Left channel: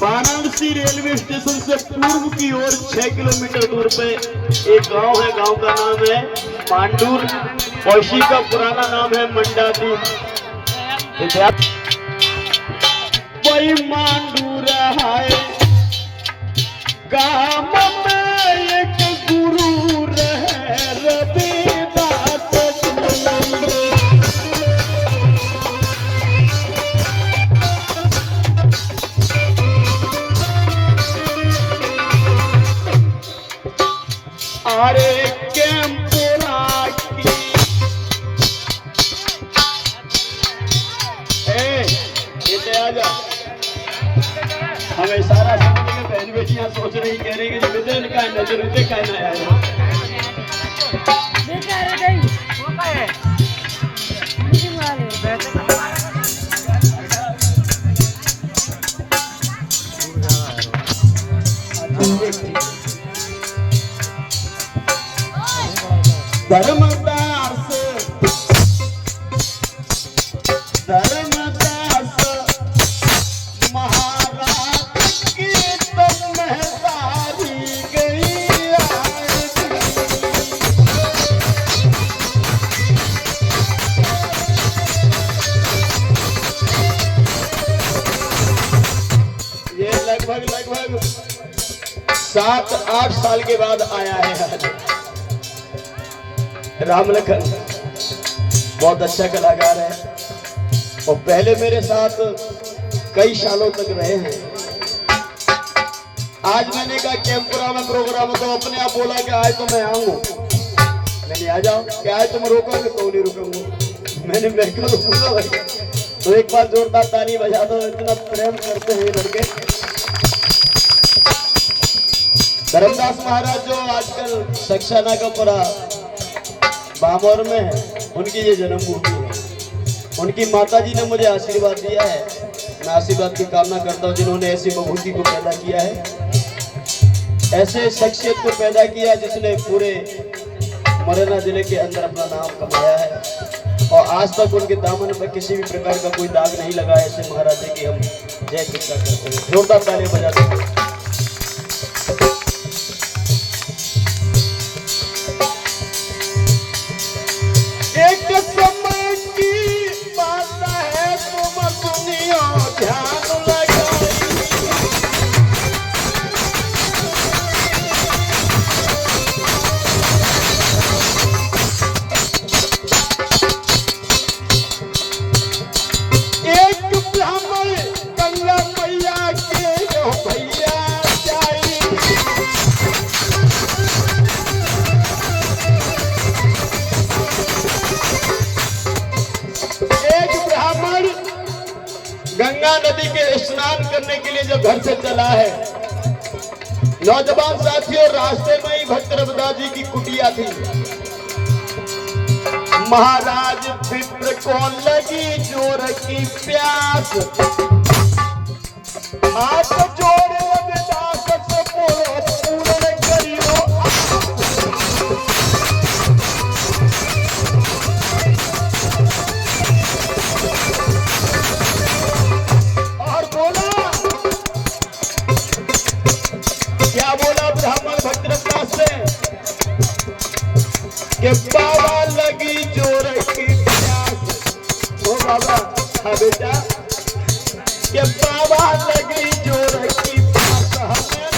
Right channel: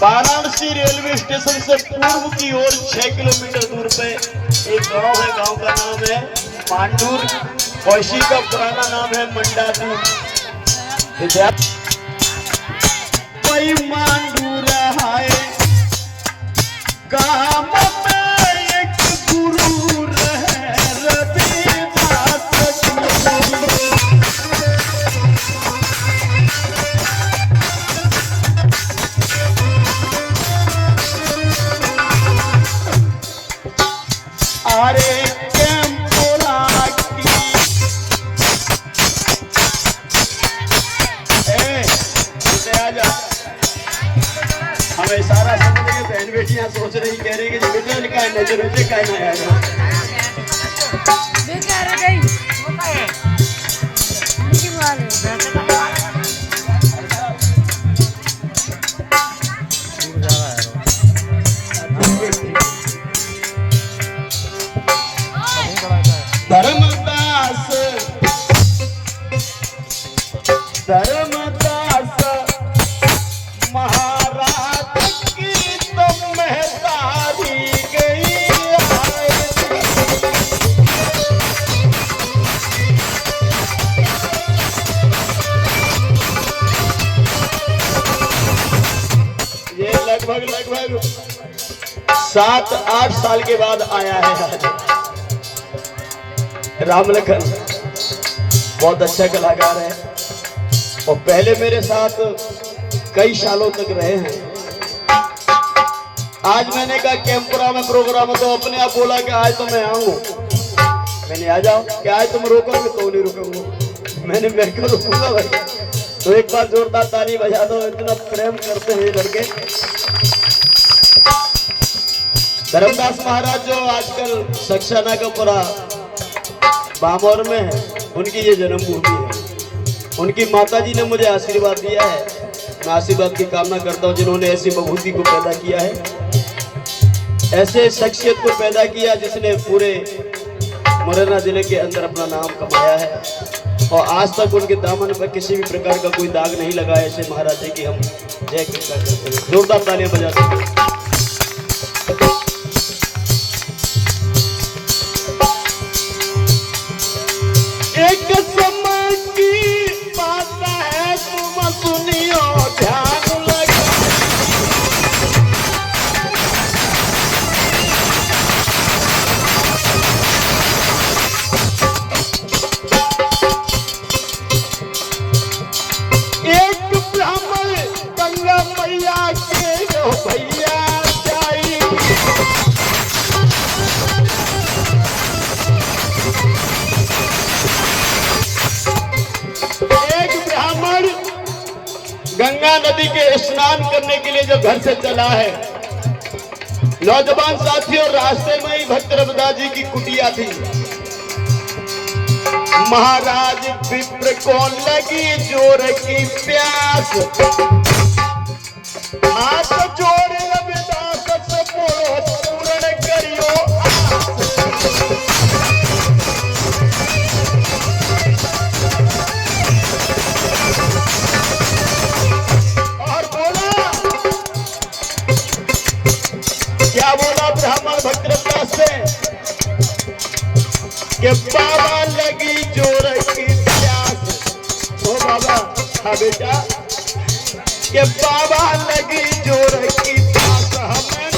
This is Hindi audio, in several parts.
वाराणसी रेलवे स्टेशन से पूर्व की ओर 6 किलोमीटर दूर पे एक गांव है। गांव का नाम है मांडूर और इसी का पुराना नाम है मंडादूर। कोई मांडूर है गांव में एक गुरु रहे रविदास। अरे कैंपुरा की आजा हमें सारा समझ के बहन बेटियां सोच रही कह रही कि बेटे इनका नजर उसे का ना आएगा बेचारे नहीं धर्मदास धर्मदास महाराज की तो महतारी गई ये लगभग 7-8 साल के बाद आया है राम लखन। बहुत अच्छा कलाकार है और पहले मेरे साथ कई सालों तक रहे हैं। आज मैंने कहा कैंपुरा में प्रोग्राम तो अपने आप बोला कि आज तो मैं आऊंगा। मैंने आ जाओ कि आज तुम रोकोगे तो नहीं रुकूंगा। मैं क्यों रुकूंगा भाई। तो एक बार जोरदार ताली बजा दो। इतना प्रेम करते हैं लड़के। धर्मदास महाराज जो आजकल सक्सेना का पूरा बामौर में है, उनकी ये जन्मभूमि है। उनकी माताजी ने मुझे आशीर्वाद दिया है। मैं आशीर्वाद की कामना करता हूँ जिन्होंने ऐसी बभूति को पैदा किया है, ऐसे शख्सियत को पैदा किया जिसने पूरे मुरैना जिले के अंदर अपना नाम कमाया है और आज तक उनके दामन पर किसी भी प्रकार का कोई दाग नहीं लगा। ऐसे महाराज की हम जय कृपा करते हैं। जोरदार तालियां बजाते हैं। एक समय की बात है तुम सुनियो ध्यान लगा। एक ब्राह्मण गंगा मैया के भैया जाई। गंगा नदी के स्नान करने के लिए जो घर से चला है, नौजवान साथियों, रास्ते में ही भक्त रविदास जी की कुटिया थी। महाराज विप्र को लगी जोर की प्यास, हाथ जोड़ रविदास से पूर्ण करियो। क्या बोला ब्राह्मण भक्त रविदास से कि बाबा लगी जोर की प्यास। ओ बाबा, हाँ बेटा, कि बाबा लगी जोर की प्यास हमें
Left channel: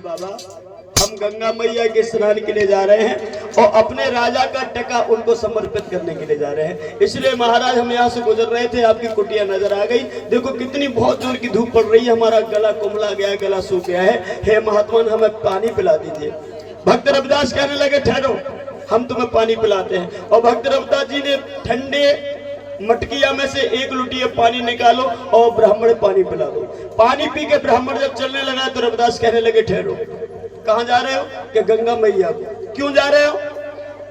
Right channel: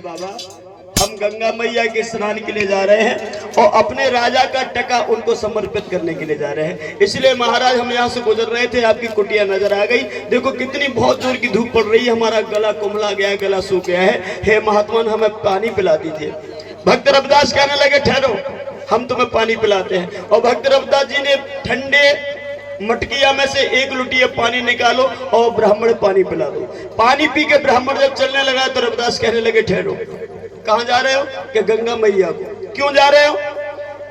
बाबा, हम गंगा मैया के स्नान के लिए जा रहे हैं और अपने राजा का टका उनको समर्पित करने के लिए जा रहे हैं। इसलिए महाराज हम यहाँ से गुजर रहे थे, आपकी कुटिया नजर आ गई। देखो कितनी बहुत जोर की धूप पड़ रही है, हमारा गला कुम्हला गया, गला सूख गया है। हे महात्मा, हमें पानी पिला दीजिए। भक्त रविदास कहने लगे ठहरो, हम तुम्हें पानी पिलाते हैं। और भक्त रविदास जी ने ठंडे मटकिया में से एक लुटिया पानी निकालो और ब्राह्मण पानी पिला दो। पानी पी के ब्राह्मण जब चलने लगा तो रविदास कहने लगे ठहरो, कहाँ जा रहे हो? कि गंगा मैया को। क्यों जा रहे हो?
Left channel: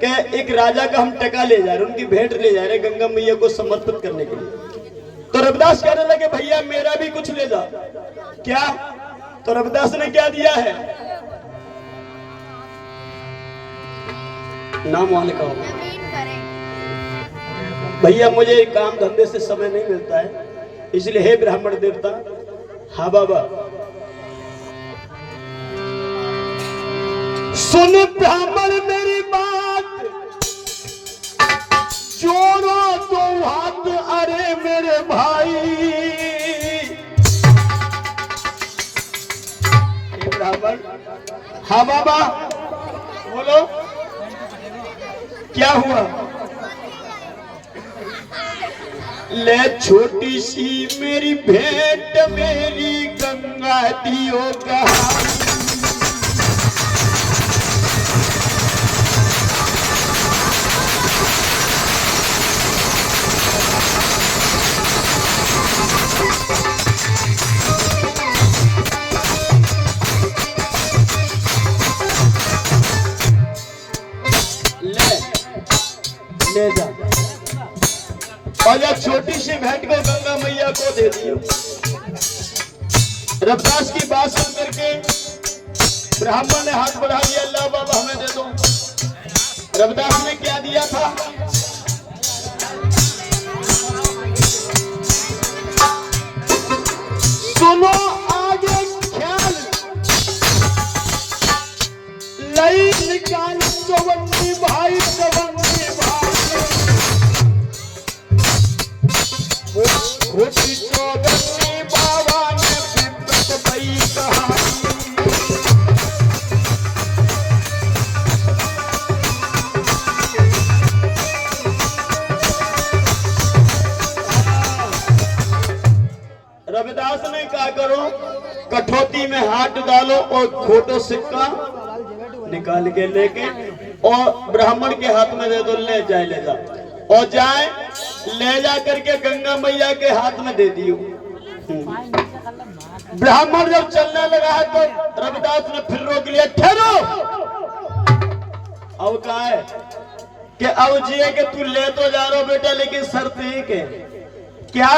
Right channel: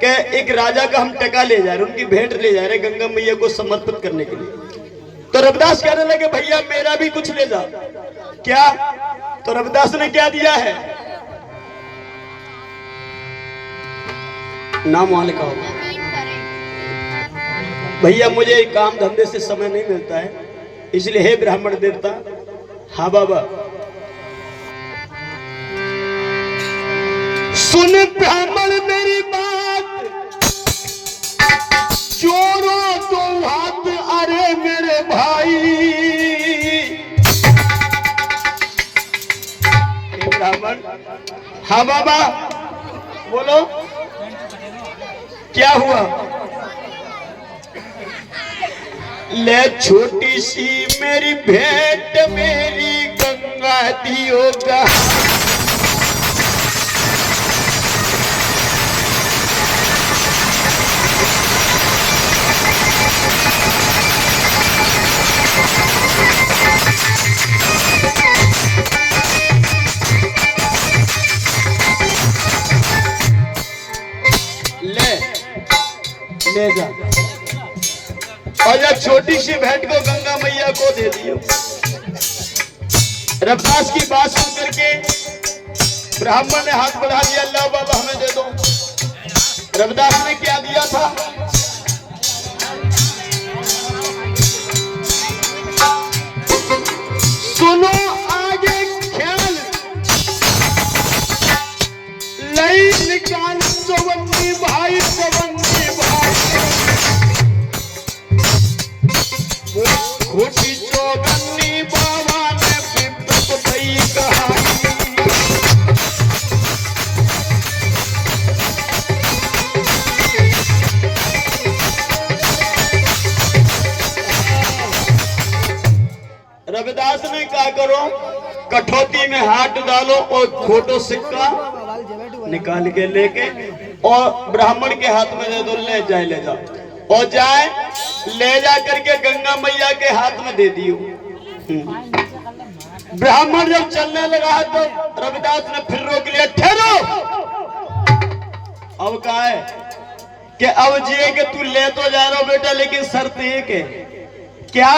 कि एक राजा का हम टका ले जा रहे, उनकी भेंट ले जा रहे गंगा मैया को समर्पित करने के लिए। तो रविदास कहने लगे भैया मेरा भी कुछ ले जा। क्या? तो रविदास ने क्या दिया है? नाम वाले का भैया मुझे काम धंधे से समय नहीं मिलता है, इसलिए हे ब्राह्मण देवता। हाँ बाबा। सुन ब्राह्मण मेरी बात, जोड़ो दो हाथ अरे मेरे भाई। ब्राह्मण। हाँ बाबा बोलो क्या हुआ? ले छोटी सी मेरी भेंट मेरी गंगा दियो का। ले जा और यह छोटी सी भेंट को गंगा मैया को दे दियो। रविदास की बात सुन करके ब्राह्मण ने हाथ बढ़ा दिया, अल्लाह बाबा हमें दे दो। रविदास ने क्या दिया था? सुनो आगे ख्याल, लई निकाल चौवन्नी भाई, चौवन्नी भाई। खोटी चौवन्नी बाबा ने विपत भई कहा। रविदास ने क्या करो? कठौती में हाथ डालो और खोटो सिक्का निकाल के लेके और ब्राह्मण के हाथ में दे दो। ले जाए ले जा और जाए ले जा करके गंगा मैया के हाथ में दे दियो। ब्राह्मण जब चलने लगा तो रविदास ने फिर रोक लिया, ठहरो। अब कहा है कि अब जी के तू ले तो जा रहा बेटा, लेकिन शर्त एक है। क्या?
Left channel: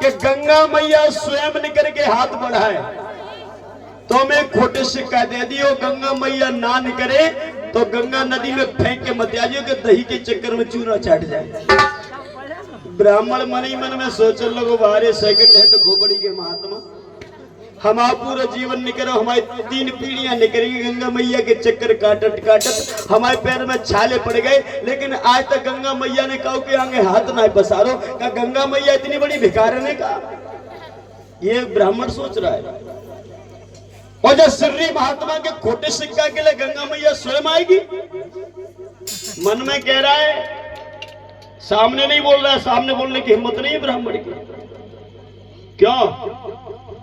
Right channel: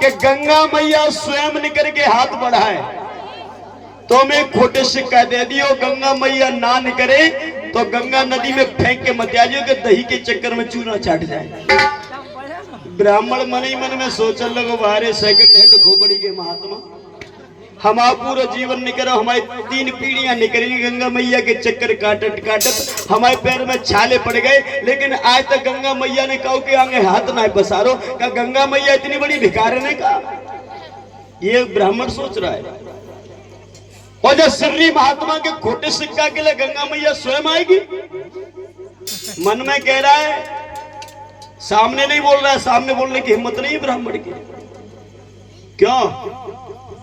कि गंगा मैया स्वयं निकल के हाथ बढ़ाए तो मैं खोटे सिक्का दे दियो। गंगा मैया ना निकले तो गंगा नदी में फेंक के मत आजियो कि दही के चक्कर में चूरा चाट जाए। ब्राह्मण मन ही मन में सोचने लगो बारे सेकंड हैंड खोपड़ी के महात्मा, हमारा पूरा जीवन निकलो, हमारी 3 पीढ़ियां निकली गंगा मैया के चक्कर काटत काटत, हमारे पैर में छाले पड़ गए, लेकिन आज तक गंगा मैया ने कहो कि आगे हाथ ना पसारो। क्या गंगा मैया इतनी बड़ी भिखारी ने कहा? ये ब्राह्मण सोच रहा है। और जब श्री महात्मा के खोटे सिक्का के लिए गंगा मैया स्वयं आएगी, मन में कह रहा है, सामने नहीं बोल रहा है, सामने बोलने की हिम्मत नहीं है ब्राह्मण की। क्यों?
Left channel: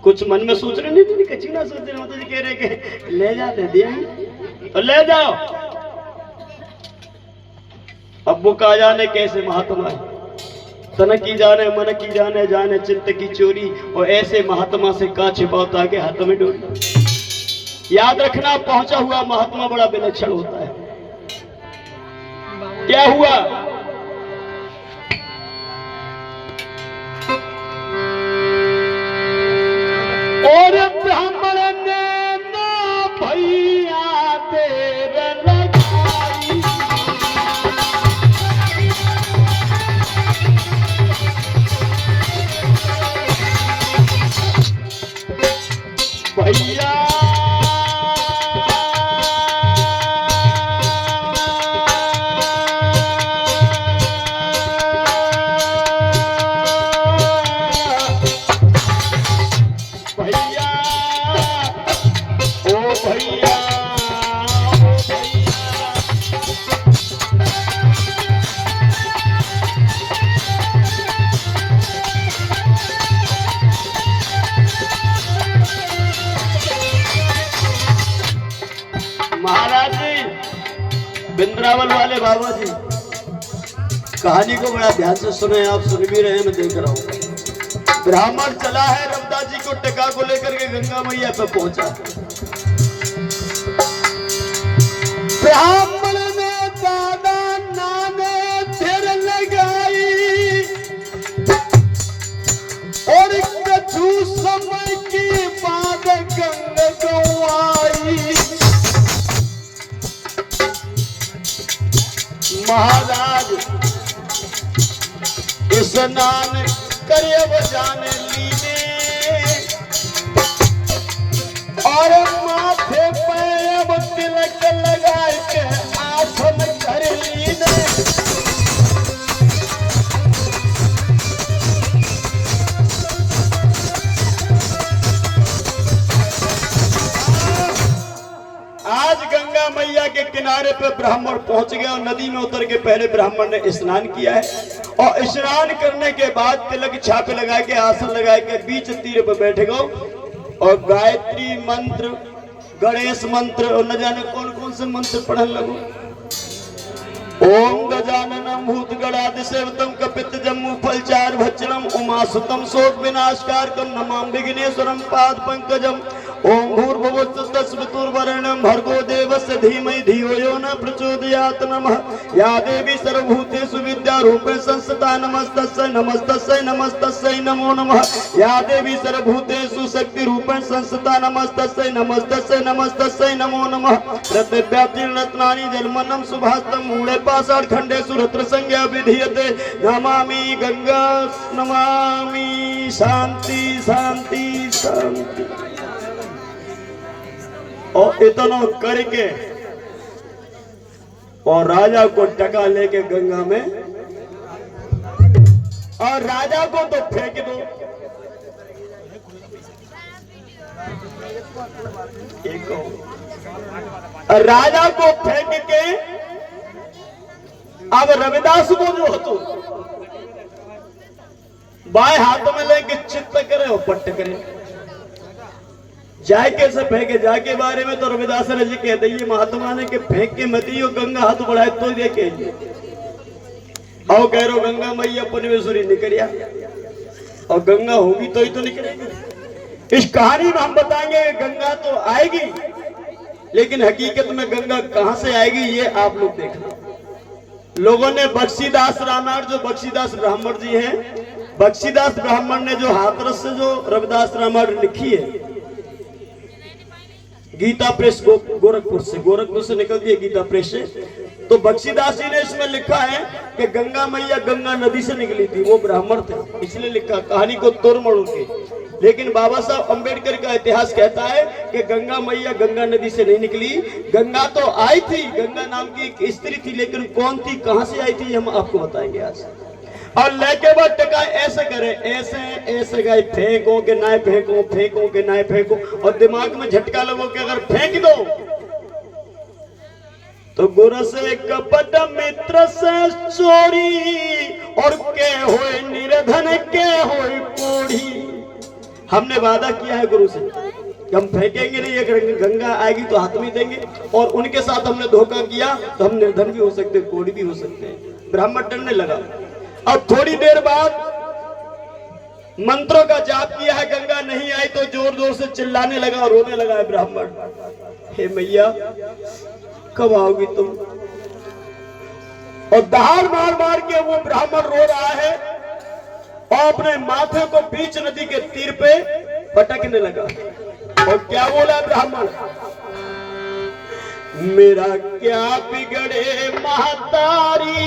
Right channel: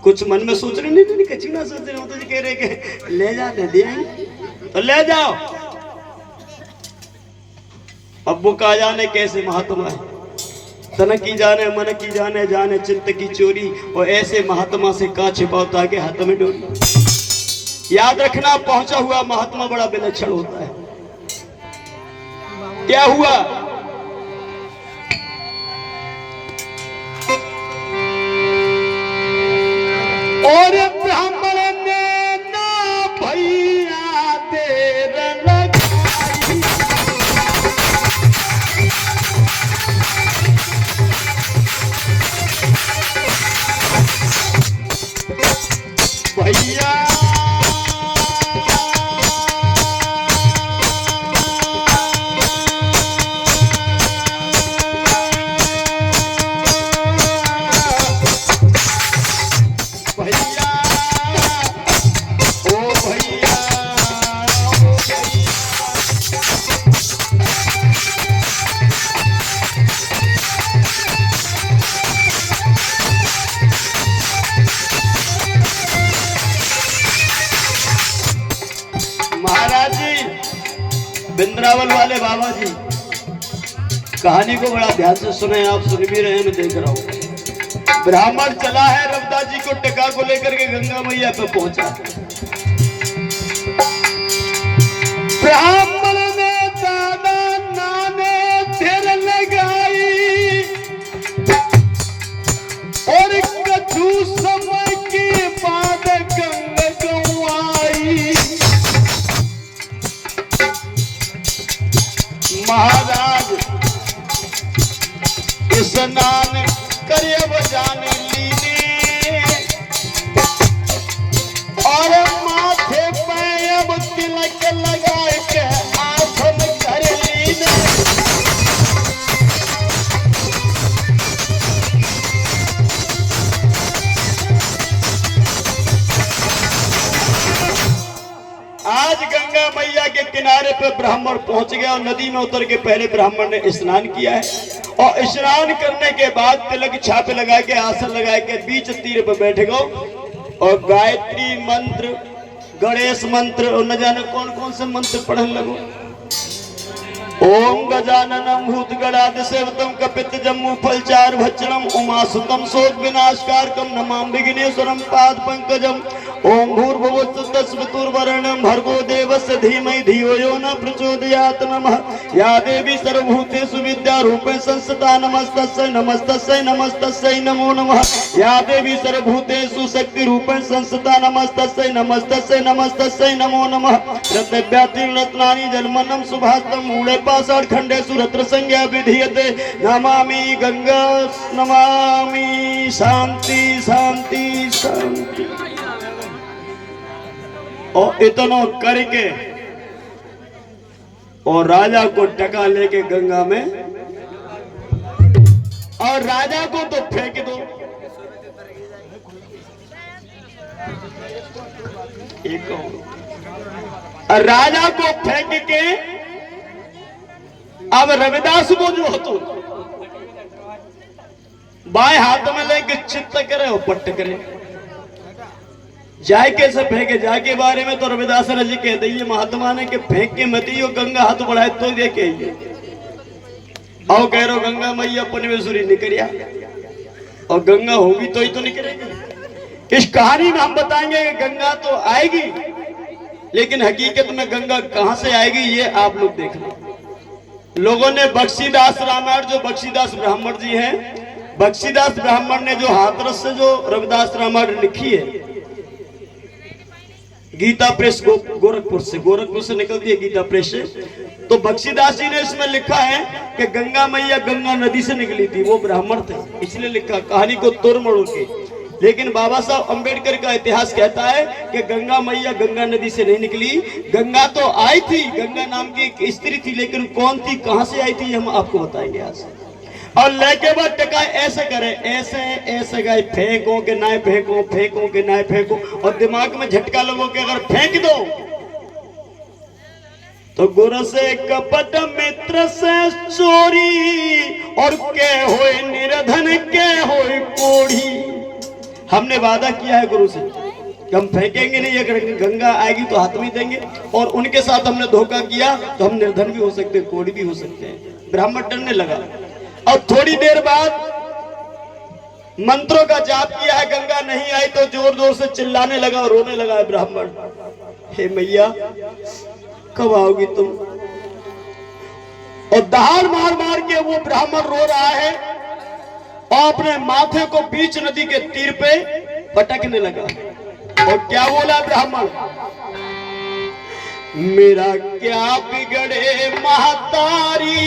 कुछ मन में सोच रहे नहीं, कच्ची ना सोच रहे होते, कह रहे कि ले जा दे दिए तो ले जाओ। अब वो कहा जाने कैसे महात्मा है, तन की जाने मन की जाने, जाने चित्त की चोरी। और ऐसे महात्मा से का छिपाता है कि हाथ में डोरी। याद रखना, पहुंचा हुआ महात्मा बड़ा विलक्षण होता है। क्या हुआ? और ब्राह्मण ने ना भैया देर लगाई, भैया महाराज जी, बिंद्रावल वाले बाबा जी, कहानी को बड़ा ध्यान से सुने। आप सुन भी रहे हैं, मैं देख रहा हूँ। ब्राह्मण चला है रविदास जी को टका को लेकर के गंगा मैया पे पहुंचा। स्नान करे वो जान लीने और माथे पे अब तिलक लगा के आसन कर लीने। आज गंगा मैया के किनारे पे ब्राह्मण पहुंच गया और नदी में उतर के पहले ब्राह्मण ने स्नान किया है और स्नान करने के बाद तिलक छापे लगा के आसन लगा के बीच तीर पे बैठ गए और गायत्री मंत्र, गणेश मंत्र और न जाने कौन कौन से मंत्र पढ़ने लगो। ओम गजाननम भूतगणादि सेवतम कपित जम्मू फलचार भक्षणम उमासुतम शोक विनाशकारकम नमामि विघ्नेश्वरम पाद पंकजम ओम भूर्भुवस्सुतस्मृतुर्वरेण्यं भर्गो देवस्य धीमहि धियो यो न प्रचोदयात् नमः। या देवी सर्वभूतेषु विद्यारूपेण संस्थिता नमस्तस्यै नमस्तस्यै नमस्तस्यै नमो नमः। या देवी सर्वभूतेषु शक्तिरूपेण संस्थिता नमस्तस्यै नमस्तस्यै नमस्तस्यै नमो नमः। रत्नव्यातीर्न रत्नानि जलमन्नं सुभाषितं मूले पाषाण खंडेषु रत्न संज्ञा विधीयते। नमामि गंगा नमामि शांति शांति शांति। और इतना करके और राजा को टका लेके गंगा में और राजा को तो फेंक दो। एक और राजा को फेंक के अब रविदास को जो हो तो बाएं हाथ में लेके चित्त करे और पट्ट करे जाए कैसे फेंके जाके बारे में तो रविदास जी कहते ये महात्मा ने कि फेंक के मती और गंगा हाथ बढ़ाए तो देखे आओ कह रहे गंगा मैया पुण्यश्वरी निकलिया और गंगा होगी तो ही तो निकलेगी। इस कहानी में हम बताएंगे कि गंगा तो आएगी लेकिन हकीकत में गंगा कहां से आएगी ये आप लोग देख लो। लोगों ने बख्शीदास रामायण, जो बख्शीदास ब्राह्मण जी हैं, बख्शीदास ब्राह्मण ने जो हाथरस से जो रविदास रामायण लिखी है गीता प्रेस गोरखपुर से निकलती है गीता प्रेस से, तो बख्शीदास जी ने इसमें लिखा है कि गंगा मैया गंगा नदी से निकली थी, वो ब्राह्मण थे इसलिए लिखा कहानी को तोड़ मरोड़ के। लेकिन बाबा साहब अंबेडकर का इतिहास कहता है कि गंगा मैया गंगा नदी से नहीं निकली, गंगा तो आई थी, गंगा नाम की एक स्त्री थी, लेकिन कौन थी कहां से आई थी हम आपको बताएंगे आज। और लेके बाद टका ऐसे करे ऐसे ऐसे गए फेंको के ना फेंको, फेंको के ना फेंको और दिमाग में झटका लगो कि अगर फेंक दो तो गुरु से कपट मित्र से चोरी और के होए निर्धन के होए कोढ़ी। हमने वादा किया है गुरु से कि हम फेंकेंगे नहीं, अगर गंगा आएगी तो हाथ में देंगे और उनके साथ हमने धोखा किया तो हम निर्धन भी हो सकते हैं, कोढ़ी भी हो सकते हैं। ब्राह्मण डरने लगा। अब थोड़ी देर बाद मंत्रों का जाप किया है, गंगा नहीं आई तो जोर जोर से चिल्लाने लगा और रोने लगा है ब्राह्मण, हे मैया कब आओगी तुम। और दहाड़ मार मार के वो ब्राह्मण रो रहा है और अपने माथे को बीच नदी के तीर पे पटकने लगा और क्या बोला ब्राह्मण, मेरा क्या बिगड़े महतारी,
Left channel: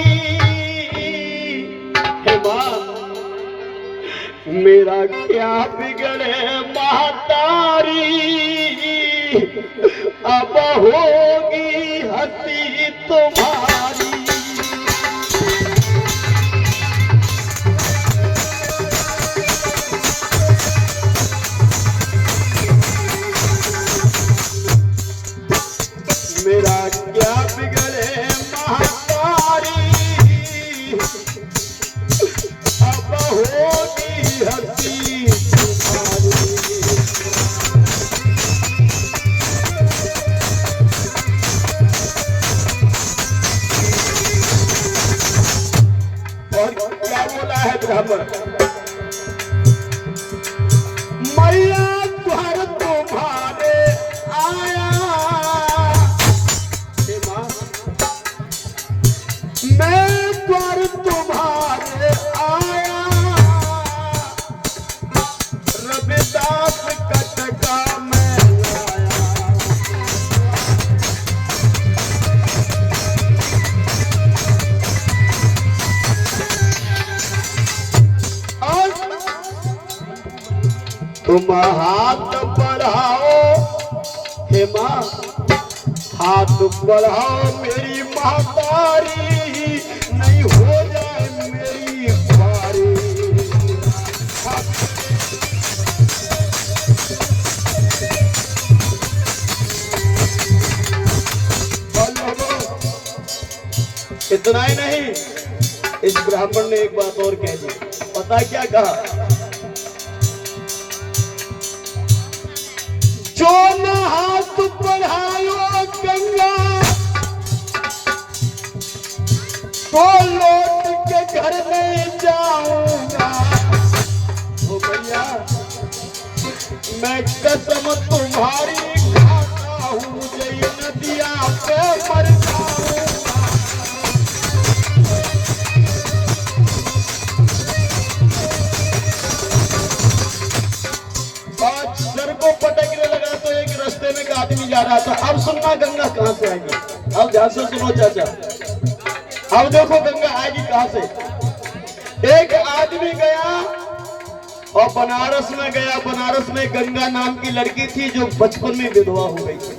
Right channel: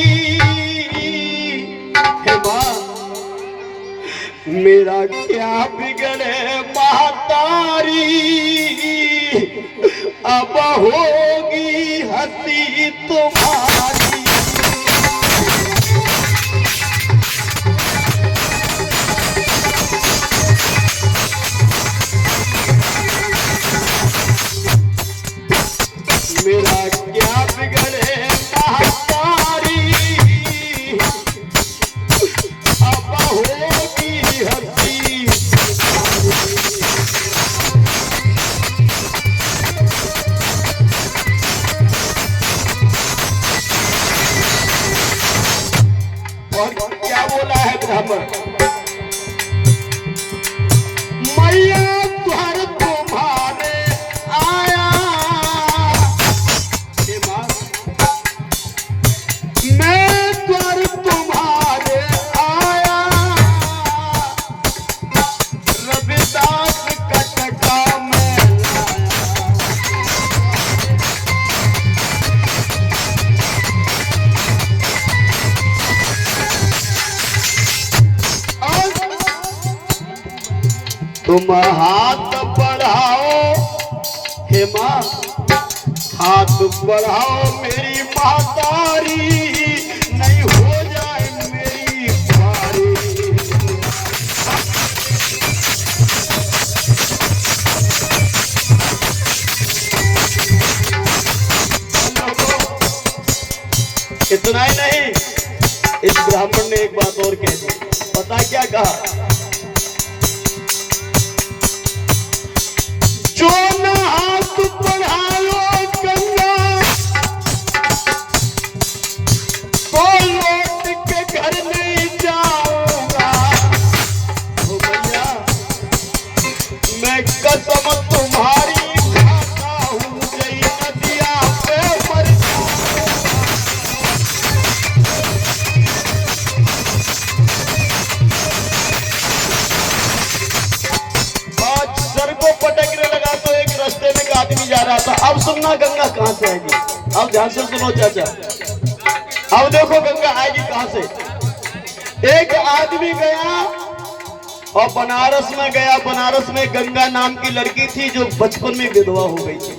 मेरा क्या बिगड़े महतारी, अब होगी हंसी तुम्हारी। मेरा क्या बिगड़े महतारी, अब होगी हंसी और क्या बोला है ब्राह्मण, मैया द्वार तुम्हारे आया, मैं द्वार तुम्हारे आया, रविदास का टका मैं लाया। तुम हाथ बढ़ाओ हे माँ, हाथ बढ़ाओ मेरी महतारी, नहीं हो जाए मेरी बारी। इतना ही नहीं, इस ब्राह्मण ने एक बात और कह दी। पता क्या कहा? जो न हाथ बढ़ाओ गंगा, तो लौट के घर नहीं जाऊंगा। ओ भैया, मैं कसम तुम्हारी खाता हूँ, जय नदिया पे मर सर को पटकने लगा तो एक रास्ते में एक आदमी जा रहा था। अब सुनना गंगा कहां से आएगी, अब ध्यान से सुनो चाचा। अब देखो गंगा आएगी कहां से। एक आदमी गया और बनारस में गया। बनारस में गंगा नाम की लड़की थी जो बचपन में विधवा हो गई थी,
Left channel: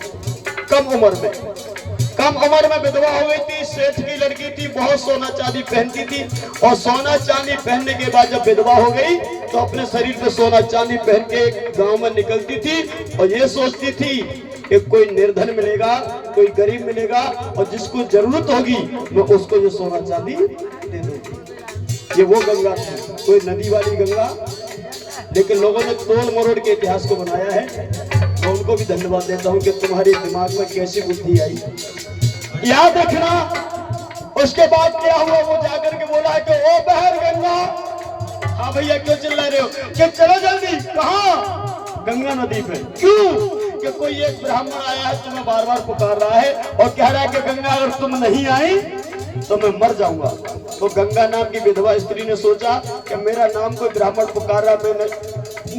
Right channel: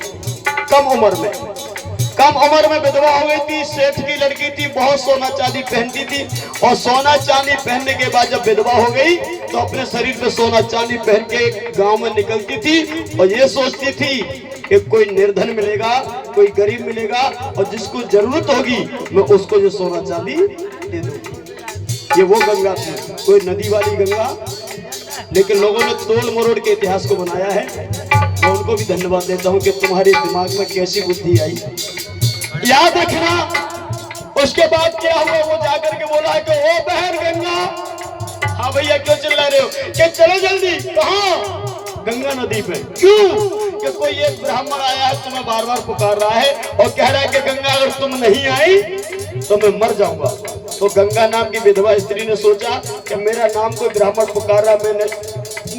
कम उम्र में विधवा हो गई थी। सेठ की लड़की थी, बहुत सोना चांदी पहनती थी, और सोना चांदी पहनने के बाद जब विधवा हो गई तो अपने शरीर पे सोना चांदी पहन के गांव में निकलती थी और ये सोचती थी कि कोई निर्धन मिलेगा, कोई गरीब मिलेगा, और जिसको जरूरत होगी मैं उसको जो सोना चांदी दे दूंगी। ये वो गंगा थी, कोई नदी वाली गंगा। लेकिन लोगों ने तोड़ मरोड़ के इतिहास को बनाया है। मैं उनको भी धन्यवाद देता हूँ कि तुम्हारे दिमाग में कैसी बुद्धि आई। याद रखना। उसके बाद क्या हुआ, वो जाकर के बोला कि ओ बहन गंगा। हाँ भैया, क्यों चिल्ला रहे हो? कि चलो जल्दी। कहाँ? गंगा नदी पे। क्यों? कि कोई एक ब्राह्मण आया है, तुम्हें बार बार पुकार रहा है और कह रहा है कि गंगा अगर तुम नहीं आई तो मैं मर जाऊंगा। तो गंगा नाम की विधवा स्त्री ने सोचा कि मेरा नाम कोई ब्राह्मण पुकार रहा, मैं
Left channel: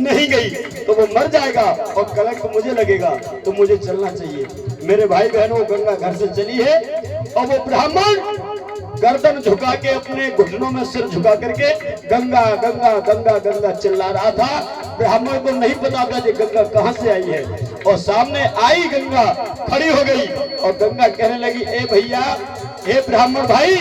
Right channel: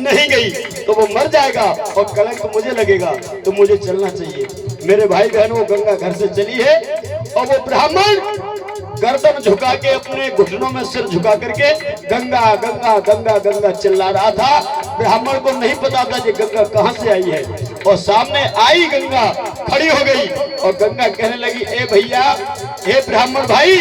नहीं गई तो वो मर जाएगा और कलंक मुझे लगेगा, तो मुझे चलना चाहिए। मेरे भाई बहनों, गंगा घर से चली है और वो ब्राह्मण गर्दन झुका के अपने घुटनों में सिर झुका करके गंगा गंगा गंगा गंगा चिल्ला रहा था। ब्राह्मण को नहीं पता था कि गंगा कहां से आई है। और सामने आई गंगा, खड़ी हो गई और गंगा कहने लगी, ए भैया, हे ब्राह्मण भाई,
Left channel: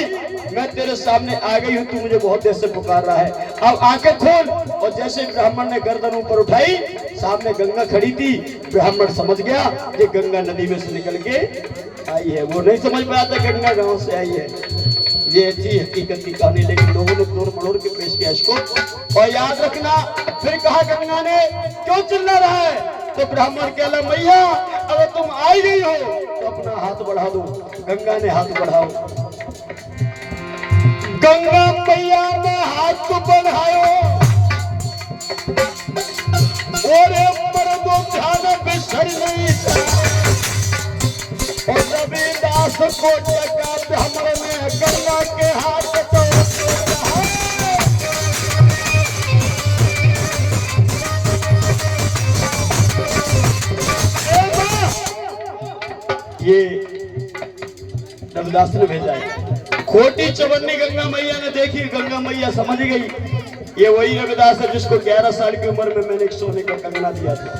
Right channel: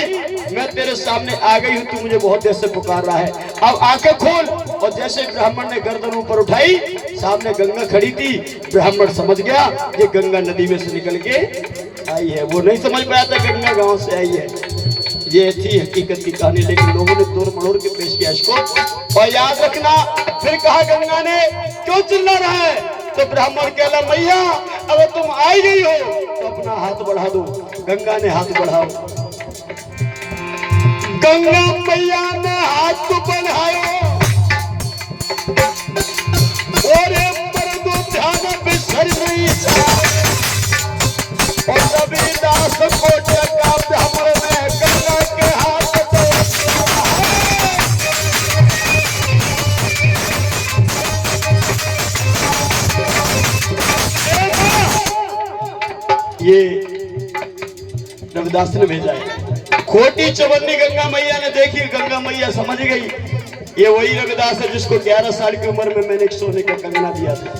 मैं तेरे सामने आ गई हूँ, तू मुझे बहुत देर से पुकार रहा है, अब आंखें खोल। और जैसे ब्राह्मण ने गर्दन ऊपर उठाई, सामने गंगा खड़ी थी। ब्राह्मण समझ गया कि गंगा नदी में से निकल के आई है। वो नहीं समझ पाया था गंगा गांव से आई है। ये थी हकीकत की कहानी, लेकिन लोगों ने तोड़ मड़ोड़ के पेश किया इसको। और याद रखना, फिर कहा गंगा ने, क्यों चिल्ला रहा है? तो ब्राह्मण कहला, मैया अगर तुम आई गई हो तो अपना हाथ बढ़ा दो। गंगा ने हाथ बढ़ाओ। गंगा मैया ने हाथ बढ़ायो और मर्दों ध्यान बिसर गई। और रविदास को जगा ब्राह्मण ने गंगा के हाथ ये रविदास ने भेजा है। खोटी चवन्नी गंगा मैया ने देखी, गंगा मैया समझ गई ये वही रविदास है जिसको 11 साल की उम्र में मैंने एक सोने का कंगना दिया था।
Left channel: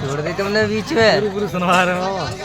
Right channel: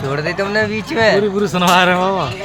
छोड़ दी तुमने बीच में, पूरी सुनवा रहे हो।